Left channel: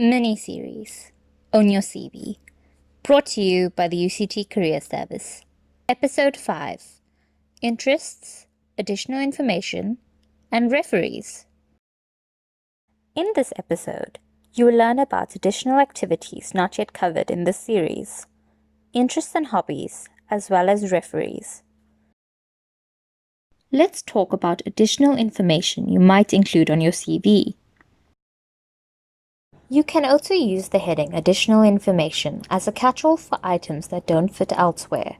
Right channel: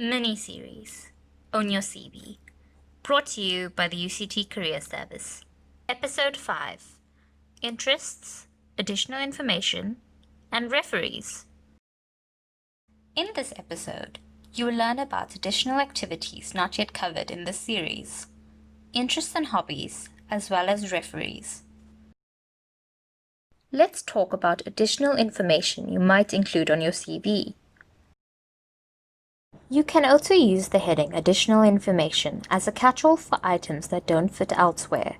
Mini-series on your CV, brought to you by the UCT Careers Service. Episode 5, Interests, Additional Information, and Referees. In this episode, you will learn about additional activities not yet covered in this series, interests and hobbies, as well as referees. Let's talk about additional information you might include on your CV. You can also use the heading Additional Information as a catch-all for items that don't fit elsewhere.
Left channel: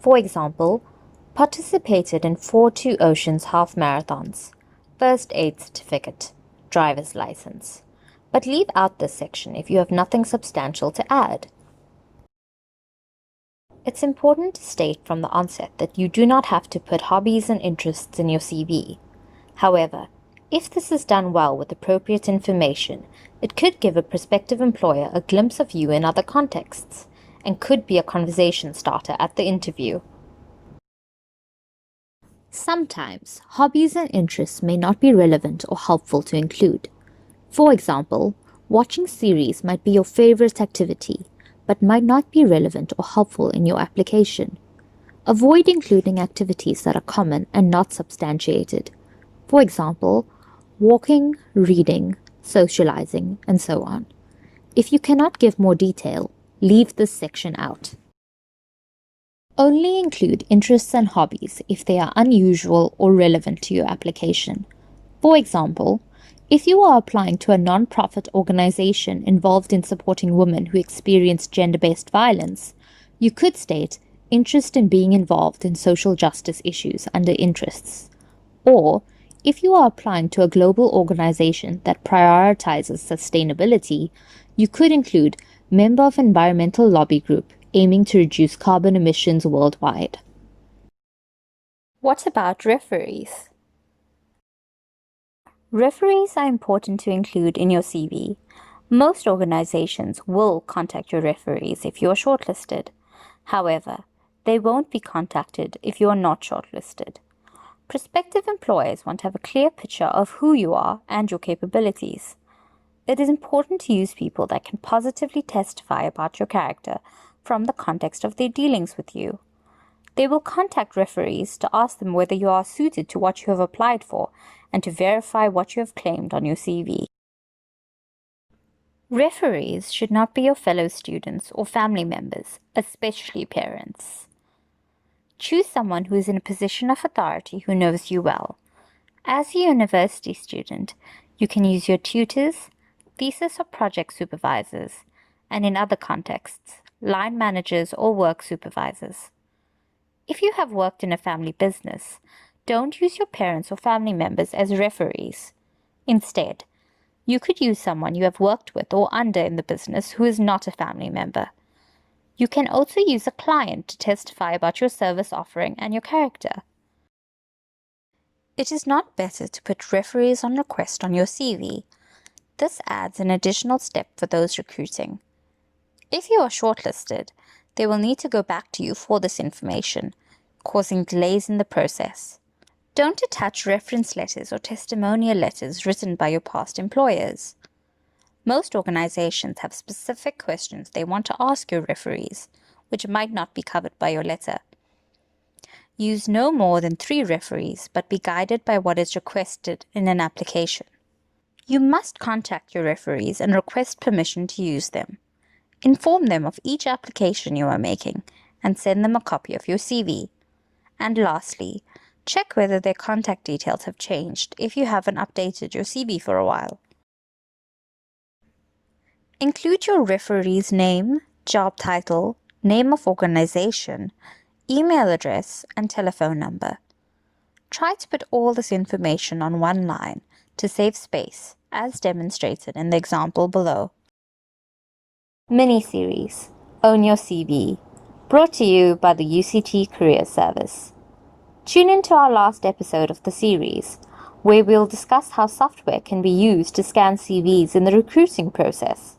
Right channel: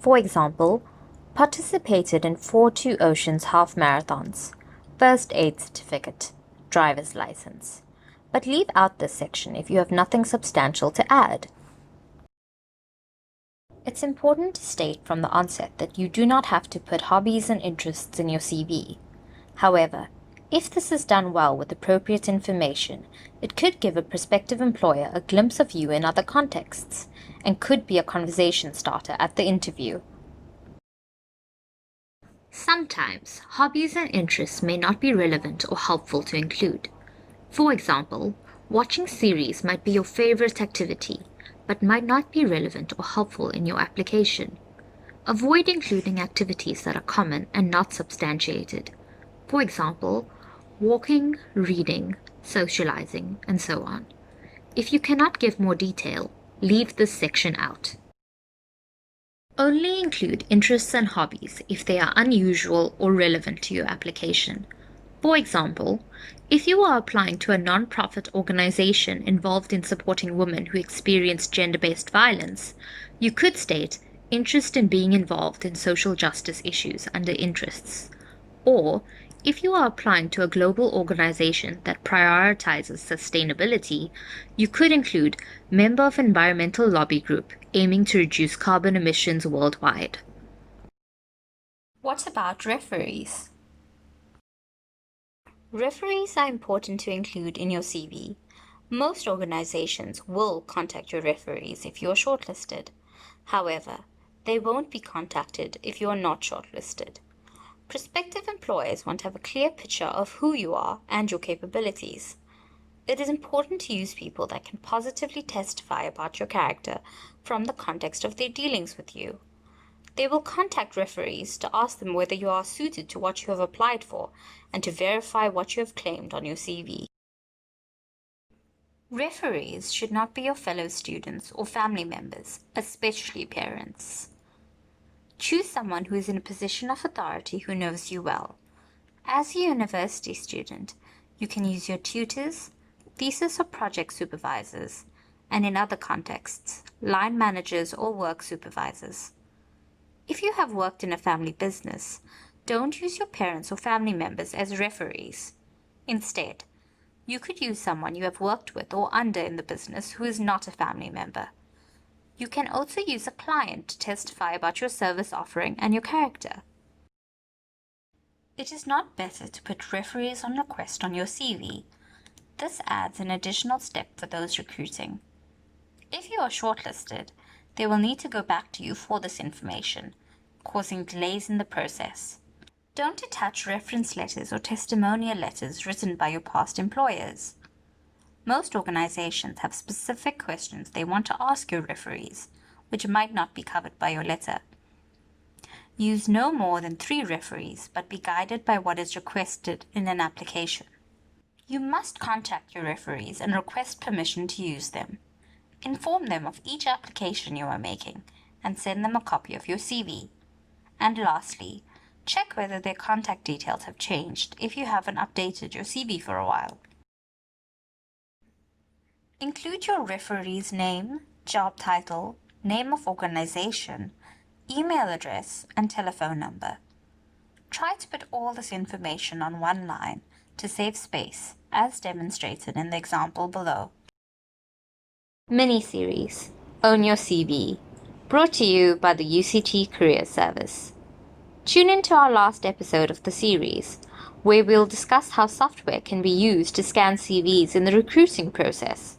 For example, participated in 4 Two Oceans half marathons, first aid certificate, driver's license. But leave out this section if you have nothing substantial to add. It's important to state from the onset that you do not have to put hobbies and interests in your CV. However, if this is done well with appropriate information, it could give a prospective employer a glimpse of you in other contexts, and could be a conversation starter at the interview. Sometimes, hobbies and interests may not be relevant or helpful to include. For example, watching series might be your favorite activity, but might not be relevant or helpful in your application. Avoid including activities that are common and not substantiated. For example, walking, reading, socializing, and so on. If you cannot give more detail, leave this section out. Only include interests and hobbies if they are unusual or relevant to your application. For example, if you are applying to a non-profit organization involved in supporting women who experience gender-based violence, you could state interest in being involved in social justice issues under interests. Or, if you are applying to a global organization that prioritizes sustainability, you could include member of environmental lobby group aiming to reduce carbon emissions worldwide. What about referees? Referees are important to include in your CV. Most organizations will contact your referees if you are shortlisted. However, they won't be contacted if you are not shortlisted. Prospective employers want to have a clear picture of who you are and your capabilities. It is important to use people that can positively testify about your character from the context of their dealings with you. They will contact referees to ask them whether you are suited to what you have applied for and to verify what you have claimed on your CV. Referees should not be your fellow students or family members, especially parents. Choose someone who is in a position of authority who knows you well. As a university student, you can use your tutors, thesis or project supervisors, and in other contexts, line managers or work supervisors. If you have worked in a family business, don't use your parents or family members as referees. Instead, you could use someone you have worked with or under in the business who is not a family member. You can also use a client to testify about your service offering and your character. It is not better to put referees on request on your CV. This adds an additional step for those recruiting. If you are shortlisted, they will need to go back to you for this information, causing delays in the process. Don't attach reference letters or testimonial letters written by your past employers. Most organizations have specific questions they want to ask your referees, which might not be covered by your letter. Use no more than 3 referees, but be guided by what is requested in an application. You must contact your referees and request permission to use them. Inform them of each application you are making and send them a copy of your CV. And lastly, check whether their contact details have changed if you haven't updated your CV for a while. Include your referee's name, job title, name of organization, email address, and telephone number. Try to put all this information on one line to save space, as demonstrated in the example below. Mini-series, Own Your CV, brought to you by the UCT Careers Service. Tune in to our last episode of the series, where we'll discuss how software can be used to scan CVs in the recruiting process.